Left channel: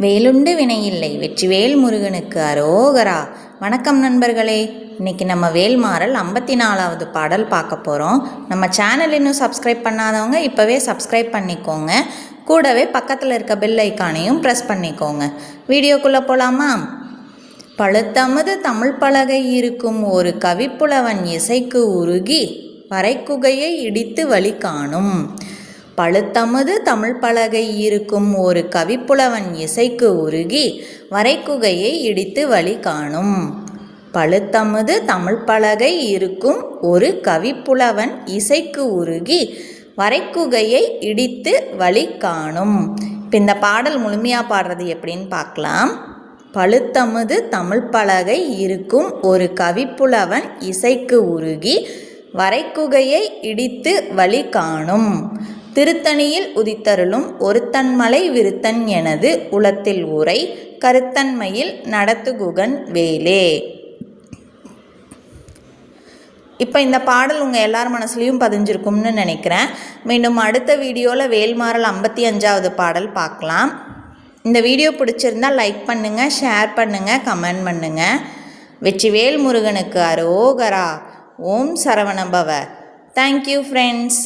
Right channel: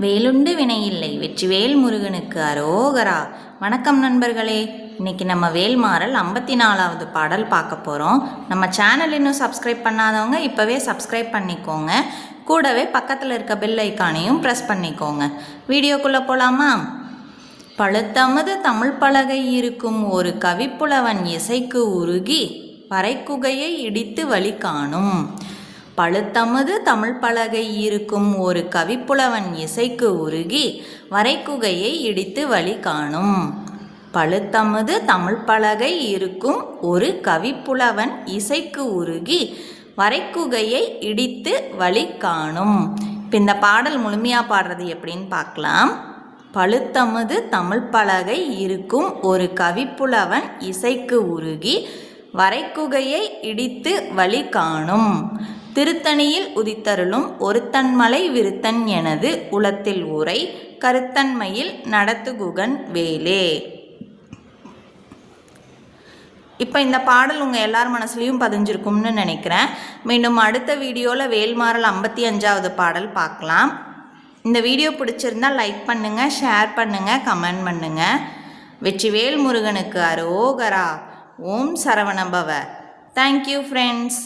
வேலுண்டு வினையில்லை வெற்றிவேல் முருகனுக்கு அரோகரா. வணக்கம் நண்பர்களே, இன்றைக்கி நம்ம வேல்மாறல் 54வது பாடல் பார்க்க போகிறோம். நம்ம சேனல் இன்னும் சப்ஸ்கிரைப் பண்ணாதவங்க இப்போவே சப்ஸ்கிரைப் பண்ணிக்கோங்க. கூடவே பக்கத்தில் இருக்க பெல் ஐக்கானையும் ப்ரெஸ் பண்ணிக்கோங்க. வீடியோக்குள்ளே போகலாமா? பழுத்தமது தமிழ் பலகை இருக்கும் ஒரு கவிப்புலவன் இசைக்கு உருகி வரைக்குகையை இடித்து வழி காணும். பழுத்தமது தமிழ் பலகை இருக்கும் ஒரு கவிப்புலவன் இசைக்கு உருகி வரைக்குகையை இடித்து வழி காணும். பழுத்தமது தமிழ் பலகை இருக்கும் ஒரு கவிப்புலவன் இசைக்கு உருகி வரைக்குகையை இடித்து வழி காணும். இப்போ இந்த பாடல் முழுமையாக பாடுறது எப்படின்னு பார்க்கலாம். பழுத்தமது தமிழ் பலகை இருக்கும் ஒரு கவிப்புலவன் இசைக்கு உருகி வரைக்குகையை இடித்து வழி காணும். திருத்தணியில் உதித்தருளும் ஒருத்தன்மலை விருத்தன் எனது உளத்தில் உரை கருத்தன்மையில் நடத்துகுகன் வேலே. இப்போ இந்த பாடல் உங்கள் எல்லார் மனசுலையும் பதிஞ்சிருக்கும்னு நினைக்கிறேன். மீண்டும் அடுத்த வீடியோவில் வேல்மாறல் 55வது பாடல் பார்க்கலாம். இந்த வீடியோ பிடிச்சிருந்தால் லைக் பண்ணுங்கள், ஷேர் பண்ணுங்கள், கமெண்ட் பண்ணுங்கள். வெற்றிவேல் முருகனுக்கு அரோகரா. ஓம் சரவணபவ. Thank you friends.